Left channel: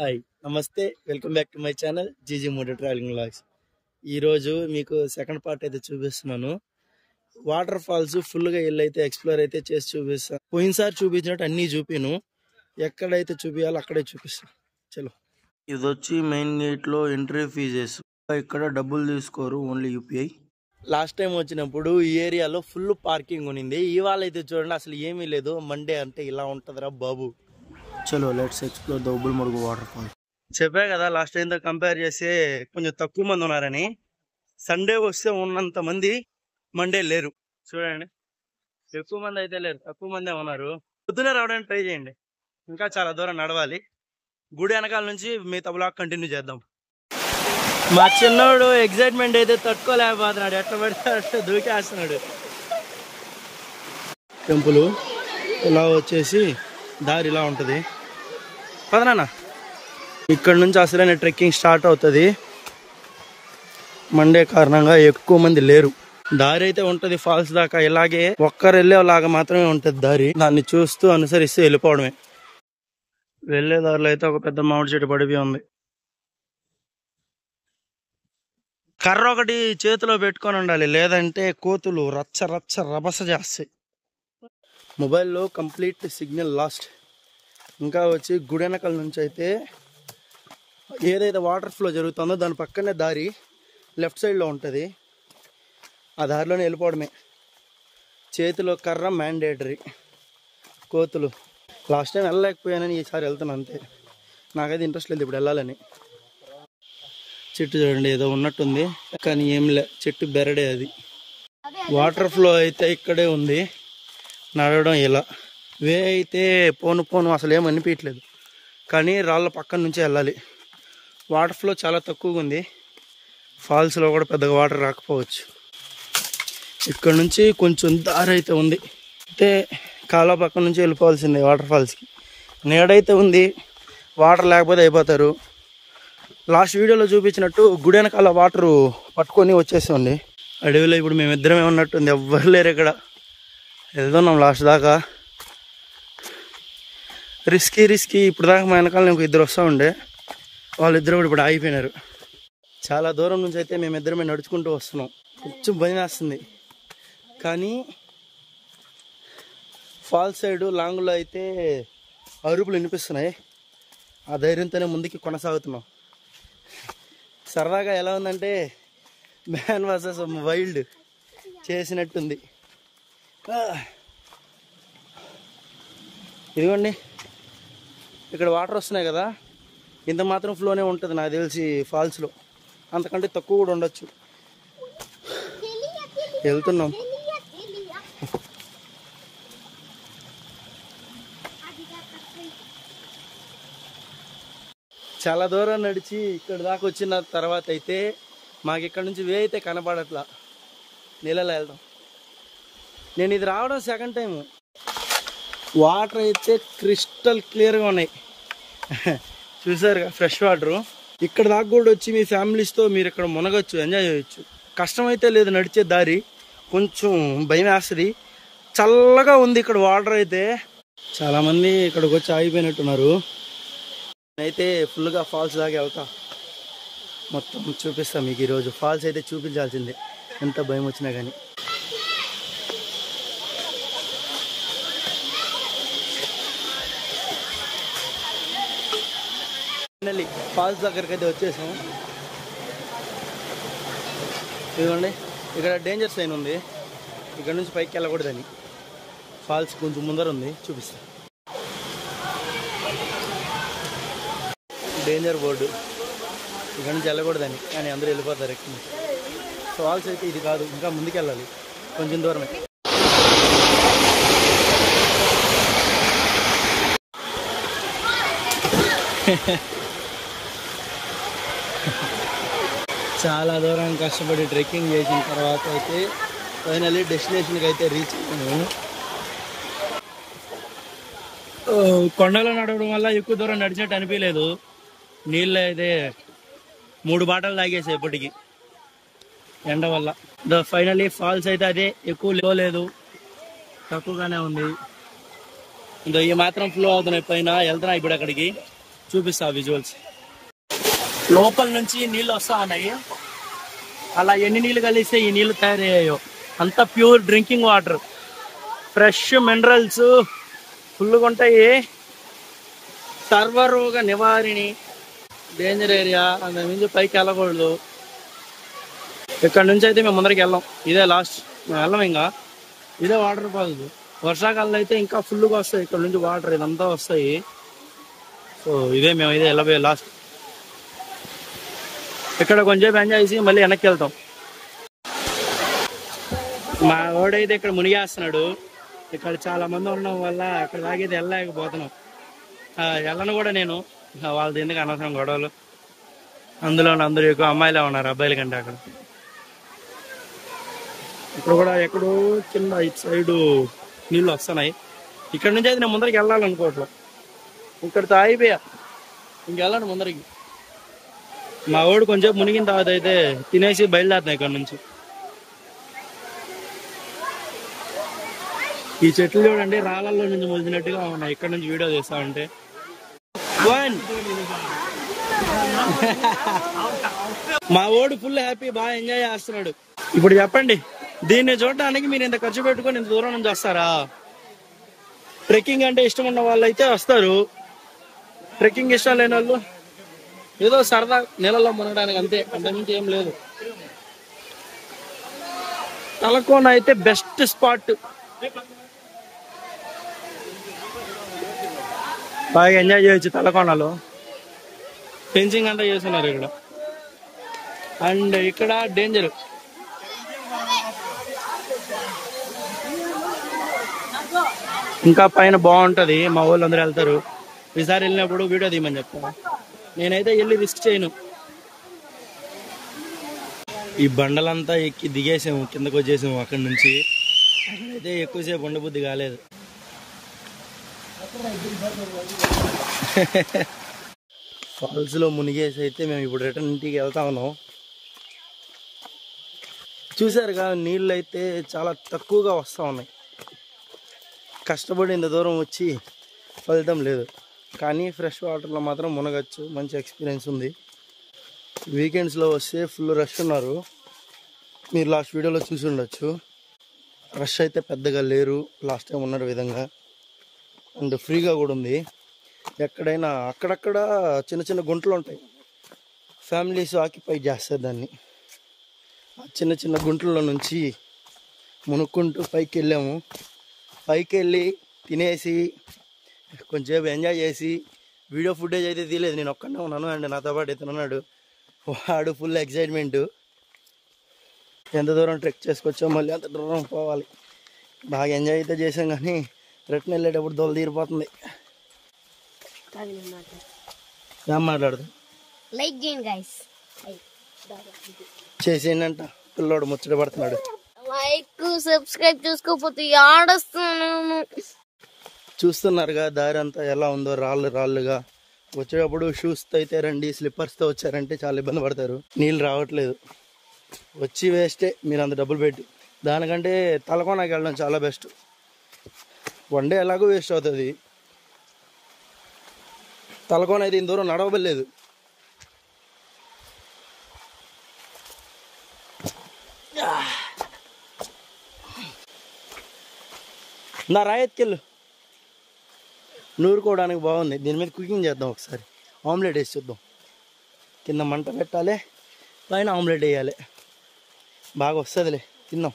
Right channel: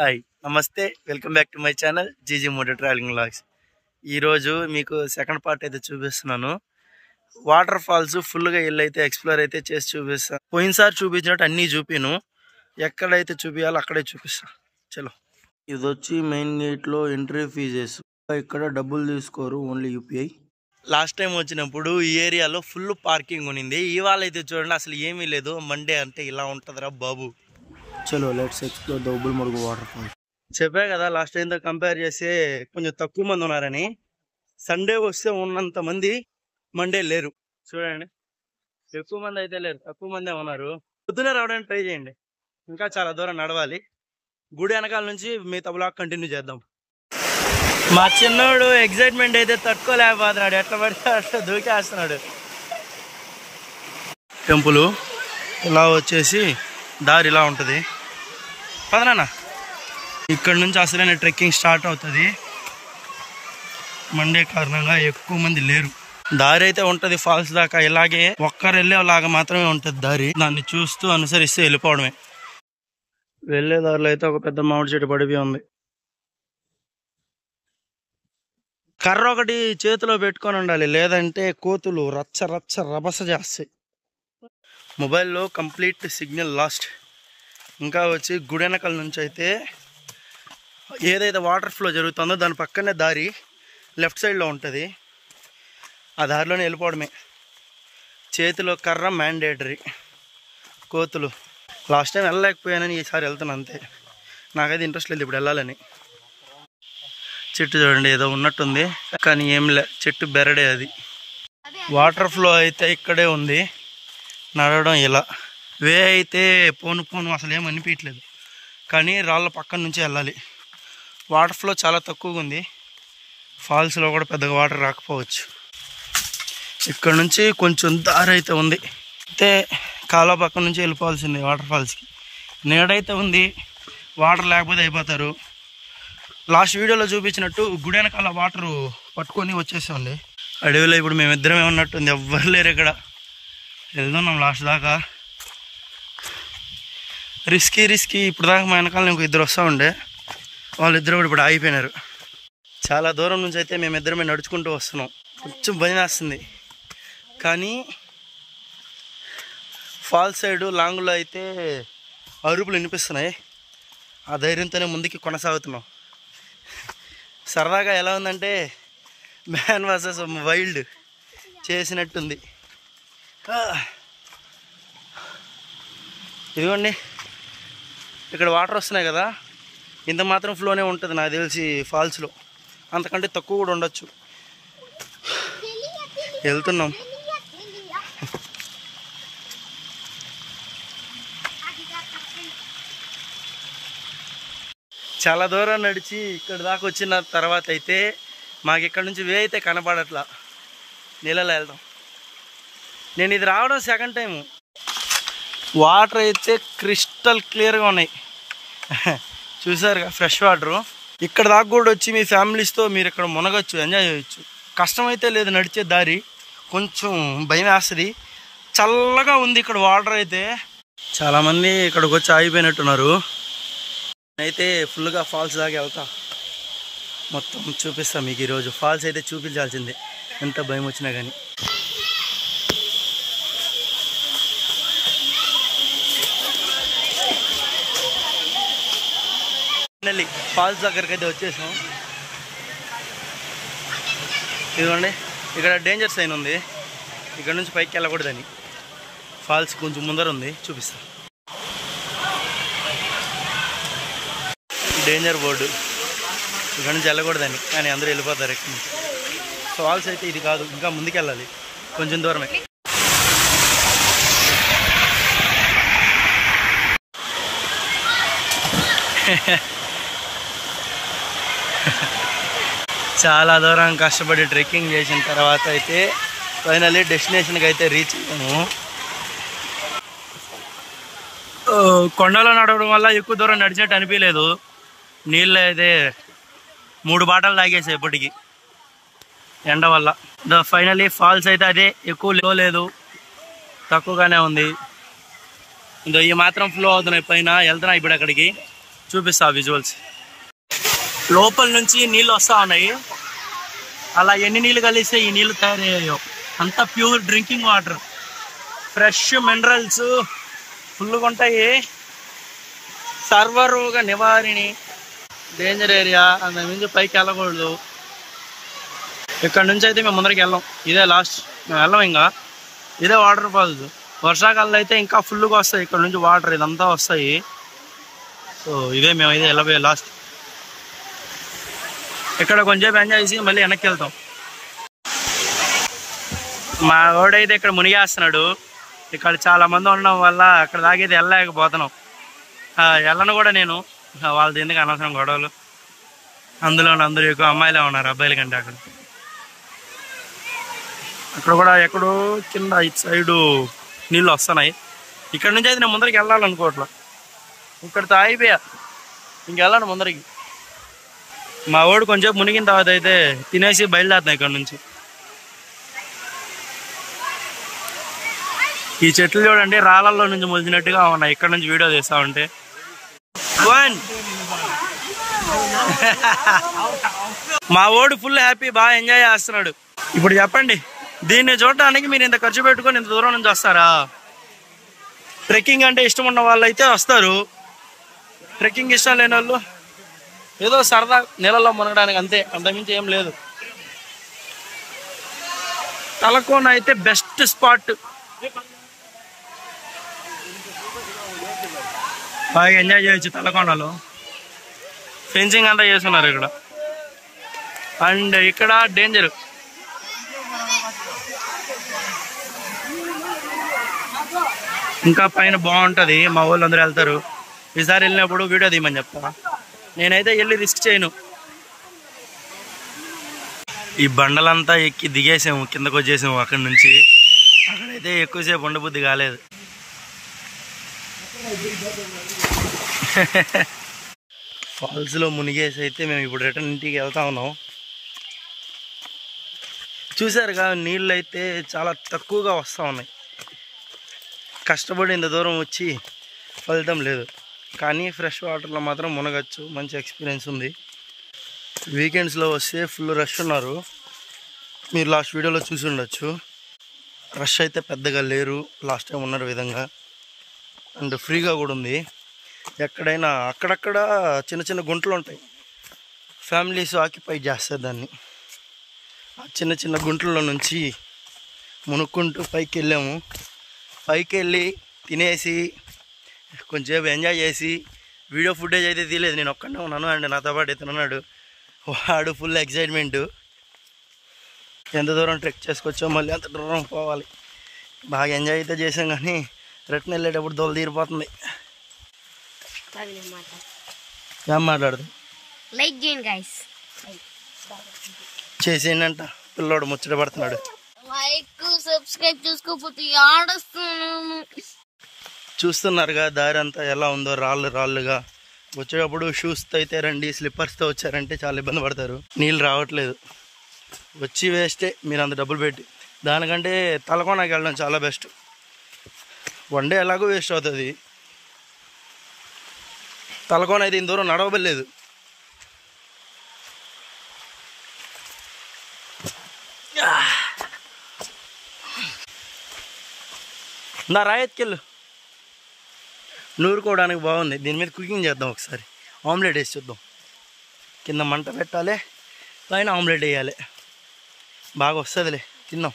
Hi నమస్తే welcome back to my channel GG moto traveling vlogs. ఈరోజు మీకు second part అయితే చూపిస్తున్నాను. వాటర్ ఫాల్స్ ఫుల్గా వెళ్ళైతే ఎక్స్ప్లోర్ అయితే చేసి చూపిస్తాను. పోయినసారి చూపించినట్టు అన్నీ చూపిను, ఎక్కడైతే చూపించాలో అక్కడే చూపిస్తా. చలో, ఇది వచ్చి మెయిన్ గేట్లో ఎంట్రీ ఫీజెస్. ఇక్కడ డబ్బులు తీసుకోరు, ఓన్లీ యూపీఐ. లాస్ట్ టైం వచ్చినప్పుడు ఈ ఏరియాలో ఫుల్ పార్కింగ్ ఉన్నింది. ఇవాళ అయితే చూడండి అసలు ఏమీ లేదు. మండే అంటే ఇలా ఉంటుందిరా బాబు. చలో let's explore the Ubbalamadugu waterfall. చెప్పా కదా లాస్ట్ టైంతో కంపేర్ చేస్తే కొంచెం తక్కువ మంది ఉన్నారని. సండే వస్తే ఉన్నంత మంది మండే లేరు. చూడండి, ఎక్కువ మంది అయితే లేరు, తక్కువ మందే ఉన్నారు. పొద్దునే రావడానికి ట్రై చేయండి, ఇంకా చాలా దూరం నడవాలి. గుడి వెనకాల నుంచి మిగతా బ్లాగ్ కంటిన్యూ చేద్దాం. మా చిన్నోడు ఎగ్జైట్మెంట్ అయితే తట్టుకోలేకపోతున్నాడు, ఎట్లా పడితే అట్లా దూకేస్తున్నాడు. టెంపుల్ ఇలా వచ్చేసి దారి ఇలా ఉంటుంది. పదనా ఇక్కడ నుంచి అసలైన ట్రెక్కింగ్ స్టార్ట్ అవుతుంది. మండే కారణంగా ఎక్కువ మంది లేరు. దారి అయితే ఉంటుంది ఫాల్స్ దాకా. ఇలాగే ఒక్కరు వెళ్ళేలాగా మాత్రమే ఉంటుంది దారి. దాన్ని చూస్తూ అనుసరిస్తూ వెళ్ళిపోవడమే. వెళ్ళే దారిలో అయితే ఒక పెద్ద మామిడి చెట్టు పడిపోయి ఉంది. కర్ర ఒకటి చేతిలో పెట్టుకొని ఉండాలి, లేదంటే కోతులు రచ్చ రచ్చ రభస చేస్తాయి. మొబైల్లో కంప్లీట్ సిగ్నల్ లాస్ట్. ఇంకా వచ్చి గుడెనకల్ నుంచి అయితే ఏదైతే వాటర్ ఫ్లో జరుగుతుందో దాని పక్కనే దారి లెఫ్ట్ సైడ్లో ఉంటుంది. ఆ దారిలోనే వెళ్ళిపోవడమే. చేతిలో కర్ర మ్యాండేటరీ. కోతులు లాస్ట్ టైం వెళ్ళలేకపోయానని ఈసారి వెళ్తాను అంతే. నాకైతే ఇంట్రెస్ట్ లేదు ఇప్పుడు వెళ్ళాలని. చెట్టు చూడండి ఏదో ఉన్నట్టుంది, కానీ ఏం లే, చెట్టు బెరడే అది. వాటర్ ఫ్లో అయితే ఇక్కడే ఉంది. నడవడం ఇలా వే అయితే పోను పోను అసలు ఏం అనిపించలేదు, కానీ రాళ్ళ పక్కన నుంచి వెళ్ళాలి. వాటర్ ఫ్లో చాలా తక్కువగా ఉంది. ఫాల్స్లో కూడా పెద్దగా వాటర్ రాకపోవచ్చు. ఇక్కడ నుంచి కొంచెం దారి అయితే ఉంది. అయితే కాలువ పక్కన నుంచి వెళ్ళిపోవాల్సిందే వాటర్ ఫాల్స్కి. నీడైతే ఉంది, వాటర్ లేకపోతే అయిపోతారు. లాస్ట్ వీడియోలో చూపించినట్టు గుడి వెనకాల వాటరు పట్టుకొని వచ్చేస్తుంది. అడవిలో ఇప్పుడు మేమిద్దరమే ఉన్నట్టుంది, ఎవ్వరు లేరు ఇక్కడ. వెళ్తున్నాం లాస్ట్ దాకా. రిస్కీ ఇప్పుడు దాకా మా వెనకాల ఇంకో ఇద్దరు వస్తూ ఉండే, వాళ్ళిద్దరు కూడా ఇప్పుడు ఆగిపోయినారు. చాలా దూరం నుంచి అయితే మేమిద్దరమే నడుచుకుంటూ వస్తున్నాం. కొంచెం భయం వేస్తుంది, కానీ ఫాల్స్ సైడు లాంగ్లో అయితే అరుపులు వినిపిస్తున్నాయి. ఆ ధైర్యంతోనే ముందుకి కొనసాగుతున్నాం. సరదాగా ఎలా ఉందంటే మ్యాన్ వర్సెస్ వైల్డ్ చేసినట్టుంది. ఇదిగోండి, ఇక్కడ వాటర్ వస్తున్నాయి కదా, ఇంత మాత్రం ఫ్లోనే ఉంటుంది నాకు తెలిసి ఫాల్స్లో. అంతకంటే తక్కువ కూడా ఉండొచ్చు. వెళ్తున్నాం. చాలా దూరం నడిచి ఇక్కడ దాకా వచ్చిన తర్వాత అయితే మాకు ఇక్కడ నుంచి వే అయితే కనపడట్లా. నీళ్ళలో వెళ్దాం. నేను ఇది రావడం సెకండ్ టైము. వాటర్ అయితే క్రిస్టల్ క్లియర్గా ఉన్నాయి. చూసారుగా ఫ్రెష్ వాటరు. ఇక్కడ దాకా కూడా వచ్చి మీ ఫ్యామిలీస్తో మీరు ఇక్కడ మునగచ్చు, ఎంజాయ్ చేయొచ్చు. కష్టమైతే లేదు నడిచే దారి, కొంచెం భయం వేస్తుంది. చల్లగా ఉంది ఇక్కడ వాటర్ అయితే. చాలామంది ఇక్కడికి వచ్చి ఆగిపోయినట్టున్నారు. నేనైతే ఫుల్గా ఫాల్స్ దాకా వెళ్తా, మొత్తం చూపిస్తాను మీకు ఈరోజు. ఫాల్స్ అయితే చూపించాల్సిందే ఎంత భయం వచ్చినా కానీ. ఫైనల్లీ ఫాల్స్ దగ్గరికి అయితే వచ్చేసాం. ఇదిగోండి, ఇక్కడ డేంజర్ సైన్ ఉంది, ఇక్కడ నుంచి పైకి వెళ్ళకూడదని. ఫాల్స్ కొంచెం ముందర ఉంది, చూపిస్తా. డేంజర్ బోర్డు, ఇక్కడ నుంచి వెళ్ళకూడదని, కానీ అందరూ వెళ్ళిపోతారు ఇక్కడ నుంచి. ఫాల్స్ అయితే ఇది కాదు, ఇంకా ముందుకు వెళ్ళాలి, కొంచెం దూరమే. చాలా దూరం కష్టపడి ట్రెక్కింగ్ చేసిన తర్వాత అయితే ఫైనల్లీ డెస్టినేషన్కి అయితే రీచ్ అయ్యాము. కొండలో నడవడం వల్ల ఎక్కువ దూరం నడిచినట్టు అనిపించలేదు. నీళ్ళు అయితే 3 బాటలు తాగేసాయి ఇప్పటికి ఎండ వల్ల. ఫైనల్లీ ఫాల్స్ అయితే అదే, ఎక్కువ లేదు, తక్కువగానే ఉంది. ఈ మాత్రం ఫ్లో అవుతున్నాయి పైన. వెళ్తున్నా ఇప్పుడు అక్కడికి. చూపిస్తా విజువల్స్. లోపల నుంచి నీళ్ళు వస్తూ ఉన్నాయి. అలా ఎన్ని నీళ్ళు కలిస్తే ఈ నీళ్ళు తయారయ్యాయో. అంతా pure drinking water, fresh minerals ఫుల్గా ఉంటాయి. సర్వరోగ నివారిణి, డేంజర్ ఏరియా, అంత మించి పైకి వెళ్ళకూడదు. ఇక్కడ నుంచి అయితే మేము ముందరికి వెళ్ళాం. ఇదే లాస్ట్, మేము వెళ్ళాం. ఇంకా ఇదే వాటర్ ఫాల్స్. వర్షాకాలంలో అయితే ఇంకా ఫుల్గా వస్తాయి ఇక్కడ నుంచి వాటర్, ఇదంతా వస్తాయి. సో ఇదే మేము ఇదే వెళ్ళబోయే లాస్ట్. ఇక్కడ కొంచెం ఎంజాయ్ చేసి మళ్ళీ వెనక్కి వెళ్తాం. మా వాడైతే ఇక్కడ మునిగేస్తున్నాడు. ఇక్కడ చాలా మంది ఉండడం వల్ల అక్కడ దాగైతే వెళ్ళలేకపోతున్నాం. వెళ్ళను కూడా నేను, వాళ్ళది ఎందుకు అనవసరం గొడవలు. అందులో అందరూ ఎక్కువ అమ్మాయిలే ఉన్నారు అబ్బాయిల కంటే. అక్కడ కూడా ఎక్కడో కింద ఇటు సైడు నీళ్ళు వస్తున్నాయి. ఇక్కడ నుంచి అయితే నేను ముందరికి వెళ్ళాలనుకోవట్లా. ఇక్కడితో అయిపోయా, ఇంకెళ్ళాను ముందరికి. మా వాడు కొంచెం మునిగిన తర్వాత అయితే తినేసి బయలుదేరుతున్నాయి ఇక్కడ నుంచి. ఈ చెట్లు చూడండి, రాళ్ళల్లో నుంచి మొలిచినట్టుగా ఉన్నాయి. ఇక్కడ నుంచి వీడియో తీస్తా ఉంటే. మా వాడు ఫుల్ హ్యాపీ, బాగా ఎంజాయ్ చేస్తున్నాడు. ఇప్పుడు చెప్పండి, దీన్ని చూడటానికి మీరు ఇంత ఖర్చు పెట్టుకొని ఇంత దూరం నుంచి వస్తారా? ట్రెక్కింగ్ అంటే ఇష్టం ఉన్న వాళ్ళు అయితే వస్తారు. ట్రెక్కింగ్ ఇష్టం లేని వాళ్ళు ఏదో సరదా నీళ్ళలో మునగడానికి అంతే, అంతకుమించి ఏం లేదు. తలకోన అయితే బెస్ట్ స్పాట్, బాగా ఎంజాయ్ చేయొచ్చు. తలకోనలో ఫెన్సింగ్ అంతా చేస్తున్నారు ఇక్కడ. అండ్ ఇక్కడ డేంజర్. ఇంకా పైన బాగుంటది, మా వాళ్ళు అందరూ వెళ్తారు. ఈసారి వెళ్ళినప్పుడు వీడియో తీయమని చెప్తా. నేనైతే వెళ్ళి రిస్క్ చేయను. ఈ బండలంతా ఎక్కి దిగేసాము, కిందకు వచ్చేసాము. అక్కడి నుంచి అక్కడైతే ఎక్కువసేపు ఉండబుద్ధి కాలేదు. ఫాల్స్ లో మునిగేసి అయితే మేము ఇప్పుడు రిటర్న్ ఇంటికి వెళ్తా ఉన్నాం. చూసారుగా, నీళ్ళు అయితే చాలా తక్కువగా వస్తూ ఉన్నాయి. కష్టపడి ఇంత దూరం వచ్చి ఫలితం లేదు. కానీ ఫ్రెష్ వాటర్లో మాత్రం మునగచ్చు, మంచి ఎక్స్పీరియన్స్ ఉంది. వీకెండ్స్లో వస్తే ఫుల్ రష్ ఉన్నారు. మీరు లాస్ట్ వీడియోలో చూసి ఉండొచ్చు. రష్ అయితే పెద్దగా లేరు, లాస్ట్ టైం ఉన్న విధంగా. అండ్ ఫ్రీగా కూడా ఉంది. ఎక్కడైనా అక్కడక్కడ చిన్న చిన్న గుంటలు ఉంటాయి, ఫ్యామిలీస్ ఆక్యుపై చేస్తారు దాన్ని. ఆ చిన్న చిన్న గుంటల్లో నుంచి మునుక్కుంటూ పైకి వెళ్ళాము. పైకి వెళ్ళి తినేసి కొంచెంసేపు ఎంజాయ్ చేసి, వీడియో ఫుటేజ్ అయితే తీయలేదు, నేను ఒక్కడే ఉన్నాను. అండ్ నాతో పాటు ఇతను ఉన్నాడు, వాడు ఫుల్ ఎక్సైట్మెంట్. ఎంత దూరం ట్రెక్ చేసుకొచ్చో మళ్ళీ అంత దూరం పోవాలి. బాగా ఎంజాయ్ అయితే చేసాం, కానీ రిటర్న్ వెళ్ళేటప్పుడు దోలు తీరిపోతుంది. ఏం మాట్లాడదు, లైక్ చేయండి గైస్, చేసేయండి. పిల్లోడు ముచ్చట పడుతున్నాడు. లైక్ సబ్స్క్రైబ్ చేసుకోకపోతే ఆడస్తున్నాను. చూస్తున్నారుగా దారి అంతా ఎలా ఉందో, రాళ్ళుగా. వచ్చేటప్పుడు షూస్తో అయితే రండి, స్లిప్పర్స్తో వచ్చారంటే చాలా ఇబ్బంది పడతారు. నీళ్ళు రావట్లేదు, వచ్చి వేస్టే మీరు అంత డబ్బులు పెట్టి. దానికంటే తలకోనకి వెళ్ళడం చాలా బెస్ట్. వన్ డే ఎలాగో వేస్ట్ అవుతుంది. తలకోన అయితే ఇంత దూరం నడవబలేదు. నా రాయత్కెళ్ళు నూరుకోవడానికి బాగుంది. దీని మీద కుకింగ్ చేద్దాం ఒకసారి. ఆమ్లెట్ వేసి చూద్దాం. కింద మంట పెట్టాలి, పైన ఆమ్లెట్ వేయాలి. బాగా వస్తుందిలే, తిన్నాం.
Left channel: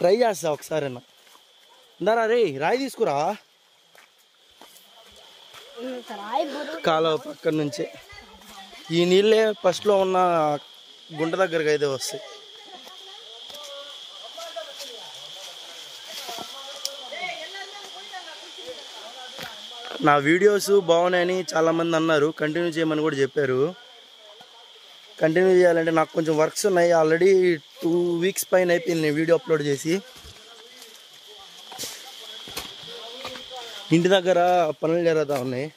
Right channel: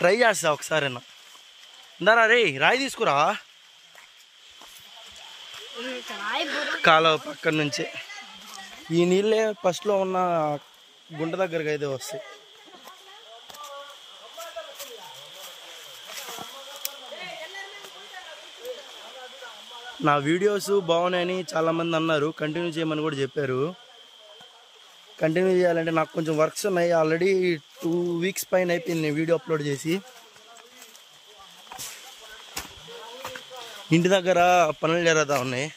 ట్రై చేస్తా ఒకసారి. ఇందారా రే, రాయి తీసుకురా. కాలువ పక్కన నుంచే ఈ నీళ్ళే ఫస్ట్లో ఉన్న గుంట దగ్గరకు అయితే వస్తాయి. నా వీడియోస్ బాగున్నాయని చాలామంది అన్నారు, కంటిన్యూ చేయమని కూడా చెప్పారు. కంటిన్యూ చేయాలంటే నాకు కొంచెం వర్క్స్ ఉన్నాయి. ఆల్రెడీ 2 వీక్స్ పైన అయిపోయింది నేను వీడియో అప్లోడ్ చేసి. ఇంటి దగ్గర పనులు జరుగుతూ ఉన్నాయి.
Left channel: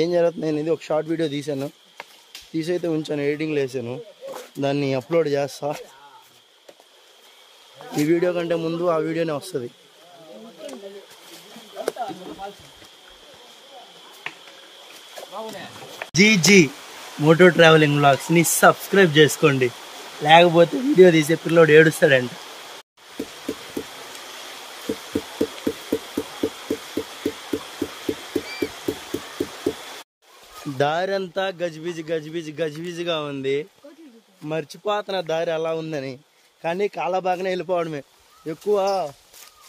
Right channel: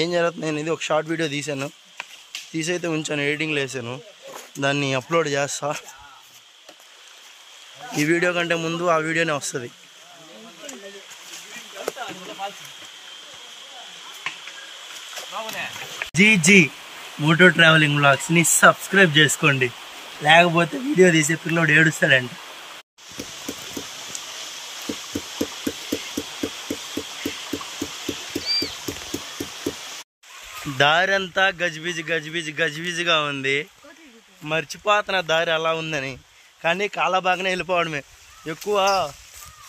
ఏం జరుగుతుంది అనేది ఒక షార్ట్ వీడియో తీసాను, తీసైతే ఉంచాను, ఎడిటింగ్లో వేసాను. దాన్ని అప్లోడ్ చేస్తా. ఈ వీడియో కంటే ముందు ఆ వీడియోనే వస్తుంది. జీజీ మోటో ట్రావెలింగ్ వ్లాగ్స్ని సబ్స్క్రైబ్ చేసుకోండి, లేకపోతే వీడియో తీసే పిల్లోడు ఏడుస్తాడంట. దారి అంతా గజిబిజిగా ఉంది. మర్చిపోతున్న దారి అలా ఉందని, కానీ కాలబాగానే వెళ్ళిపోవడమే. ఎక్కువ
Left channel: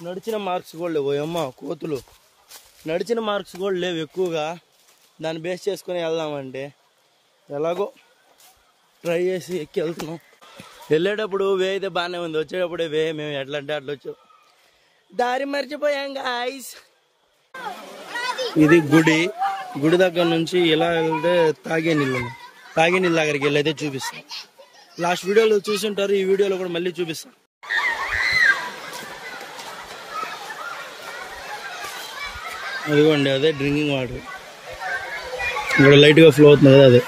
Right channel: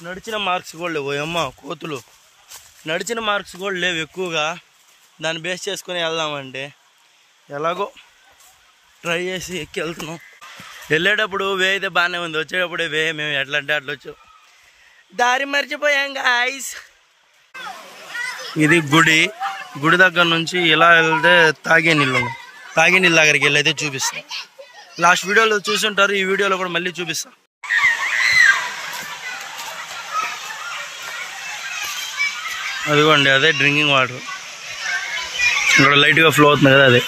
నడిచిన మార్క్స్ కూడా లేవు. అమ్మ కోతులు నడిచిన మార్క్స్ కూడా లేవు ఎక్కువగా. దాన్ని బేస్ చేసుకొని వెళ్దామంటే ఎలాగో ట్రై చేసి ఎక్కి వెళ్తున్నాం. వెళ్ళేటప్పుడు వే అయితే బాగానే ఉంది, వచ్చేటప్పుడే వే మేము ఎట్లా అంటే అట్లా వచ్చాం. దారి మర్చిపోయాం గాయ్స్. ఇది గుడి దగ్గర నుంచి ఇలా వెళ్తే తాగే నీళ్ళు ఉన్నాయి. తాగే నీళ్ళ దగ్గరికి వెళ్ళి అయితే చూపిస్తాం. లాస్ట్ వీడియోలో చూసుంటారు, ఈ వీడియోలో కూడా మళ్ళీ చూపిస్తాం. అదిగోండి అదే డ్రింకింగ్ వాటర్. ఇక్కడ లైట్గా ఫ్లో అవుతుంది కదా అదే.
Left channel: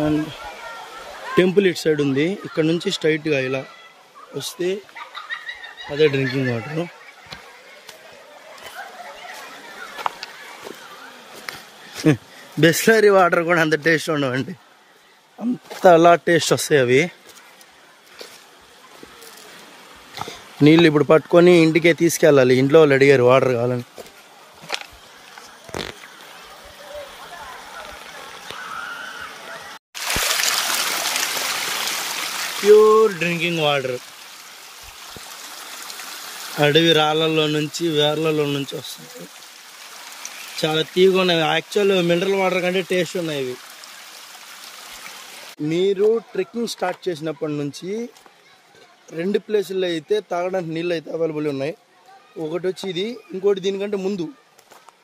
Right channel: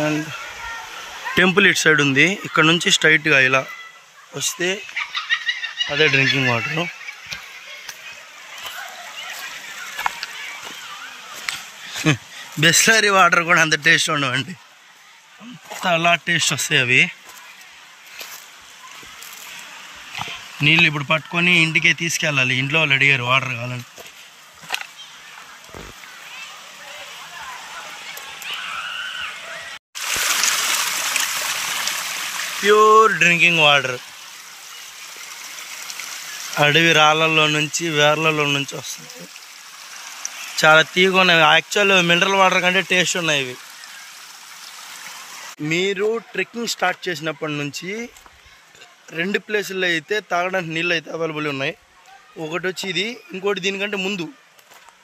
అండ్ టెంపుల్ ఇటు సైడ్ ఉంది. ఇక్కడ నుంచి స్ట్రైట్గా ఇలా వస్తే అదే డ్రింకింగ్ వాటర్. బిస్లరీ వాటర్ కూడా అంత టేస్ట్ ఉండవండి, అంత అలా టేస్ట్ వస్తాయి అవి. నీళ్ళు ఇప్పుడు పట్టుకొని ఇంటికే తీసుకెళ్ళాలి. ఇంట్లో వాళ్ళు అడిగారు వాటర్ కావాలని. Pure drinking water. అడవి రాళ్ళల్లో నుంచి వేర్లలో నుంచి వస్తుంది. చాలా తీగ ఉన్నాయి. యాక్చువల్ మినరల్ వాటర్ కంటే టేస్ట్ ఉన్నాయి ఇవి. మీరు ట్రెక్కింగ్ స్టార్ట్ చేసినప్పటి నుంచి 2 ప్లేసుల్లో అయితే తాగడానికి నీళ్ళు అయితే అవైలబుల్ ఉన్నాయి. ఒకటి వచ్చి ఇది, ఇంకోటి దీనికంటే ముందు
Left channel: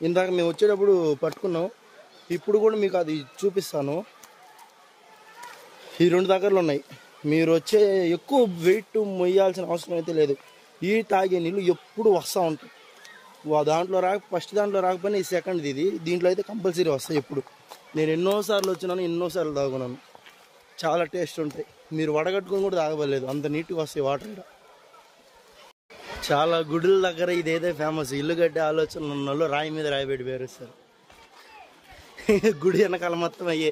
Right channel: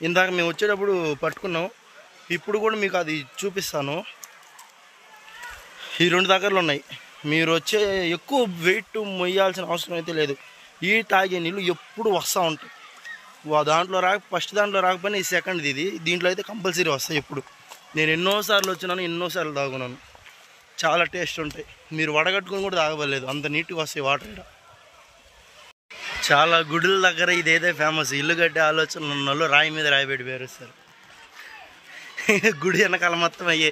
ఇందాక మేము వచ్చేటప్పుడు పట్టుకున్నాం. ఇప్పుడు కూడా మీకు అది చూపిస్తాను. ఈ 2 దగ్గరలో ఉన్నాయి. మీరు వచ్చే ఎక్కువ వెయిట్ మొయ్యాల్సిన అవసరం అయితే లేదు. ఈ తాగే నీళ్ళు ఎప్పుడు వస్తూ ఉంటాయి. దాంట్లో ఫస్ట్ దాంట్లో రాకపోయినా ఈ సెకండ్ది ఇది, దీంట్లో అయితే కంపల్సరీ వస్తాయి ఎప్పుడు. నేను ఎన్నోసార్లు వచ్చినాను, ఎన్నోసార్లు తాగున్నాను. చాలా టేస్ట్ ఉంటాయి. మీరు వడగట్టుకుని కూడా తాగలేదు, అంత నీట్గా వస్తాయి వాటర్. ఇక్కడ చాలా గుడుల దగ్గర ఇదైతే ఫేమస్. ఇల్లు కట్టే ఆలోచన ఉన్న వాళ్ళు రాయి మీద రాయి పెట్టి పేరుస్తారు. గుడి వెనకాల మొత్తం అయ్యే.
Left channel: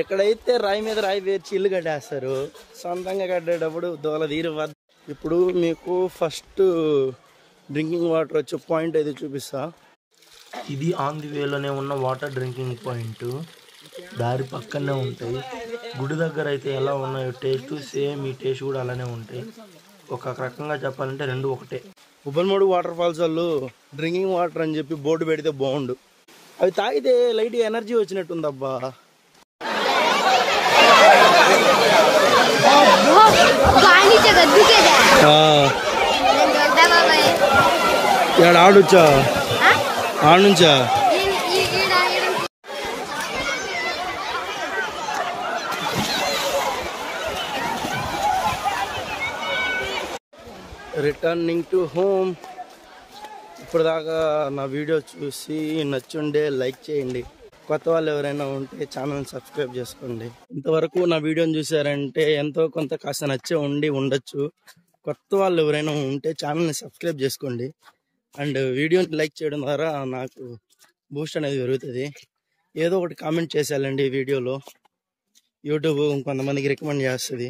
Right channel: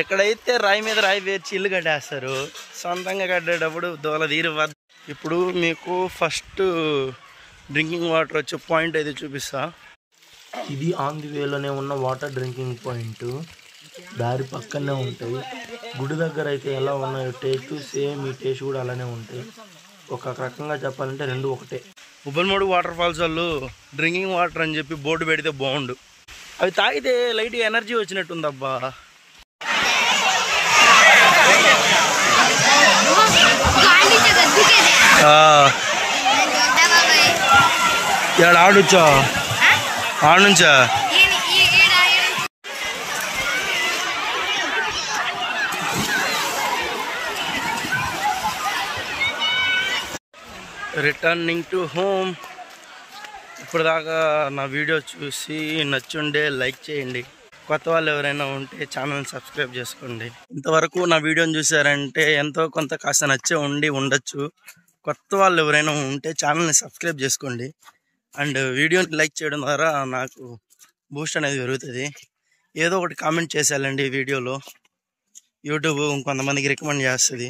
ఎక్కడైతే రాయి మీద రాయి పేర్చి ఇల్లు కట్టేస్తారు, సొంతంగా కట్టేటప్పుడు దోల తీరు. ఇప్పుడు మీకు ఫస్ట్ డ్రింకింగ్ వాటర్ వచ్చే పాయింట్ అయితే చూపిస్తా. ఇది ఆన్ ది వేలోనే ఉన్న వాటర్ డ్రింకింగ్ పాయింట్. దారి పక్కనే ఉంటాయి. గుడి దగ్గర అయితే ఎలా ఉన్నాయో టేస్ట్, సేమ్ ఈ టేస్ట్ కూడా అలానే ఉంటాయి. ఒక రకంగా చెప్పాలంటే 2 ఒకటే. ఉబ్బలమడుగు వాటర్ ఫాల్స్ వాళ్ళు డ్రింకింగ్ వాటర్ అని చెప్పి బోర్డు పెడితే బాగుండు. అవి తాగితే లైట్గా ఎనర్జీ వచ్చినట్టుందబ్బా. ఇక్కడ ఆడొచ్చా? ఆడుంచా? Returning to home. ఇప్పుడు దాకా నా వీడియో చూసి నచ్చుండే లైక్ చేయండి. కొత్త వాళ్ళు ఎవరైనా ఉంటే ఛానల్ని సబ్స్క్రైబ్ చేసుకోండి. ఇంతవరకు నా వీడియోని చూసారంటే ఎంతో కొంత కాస్త నచ్చే ఉండొచ్చు. కొత్త వాళ్ళు ఎవరైనా ఉంటే ఛానల్ని సబ్స్క్రైబ్ చేసుకోండి. అండ్ వీడియోని లైక్ చేయడం ద్వారా నాకు బూస్ట్ అనేది పెరుగుతుంది. ఏదో ఒకటి కామెంట్ చేసేయాలండి ఈ వీడియోలో. యూట్యూబ్ ఇంకొంతమందికి రికమెండ్ చేస్తుంది.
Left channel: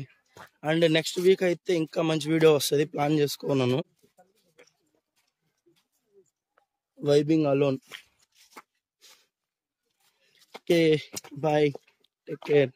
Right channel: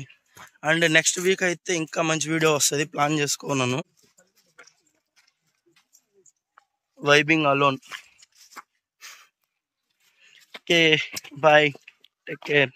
అండ్ నెక్స్ట్ వీక్ అయితే ఇంకా మంచి వీడియో వస్తుంది, ప్లాన్ చేసుకున్నాను. Vibing alone. Okay, bye, take care.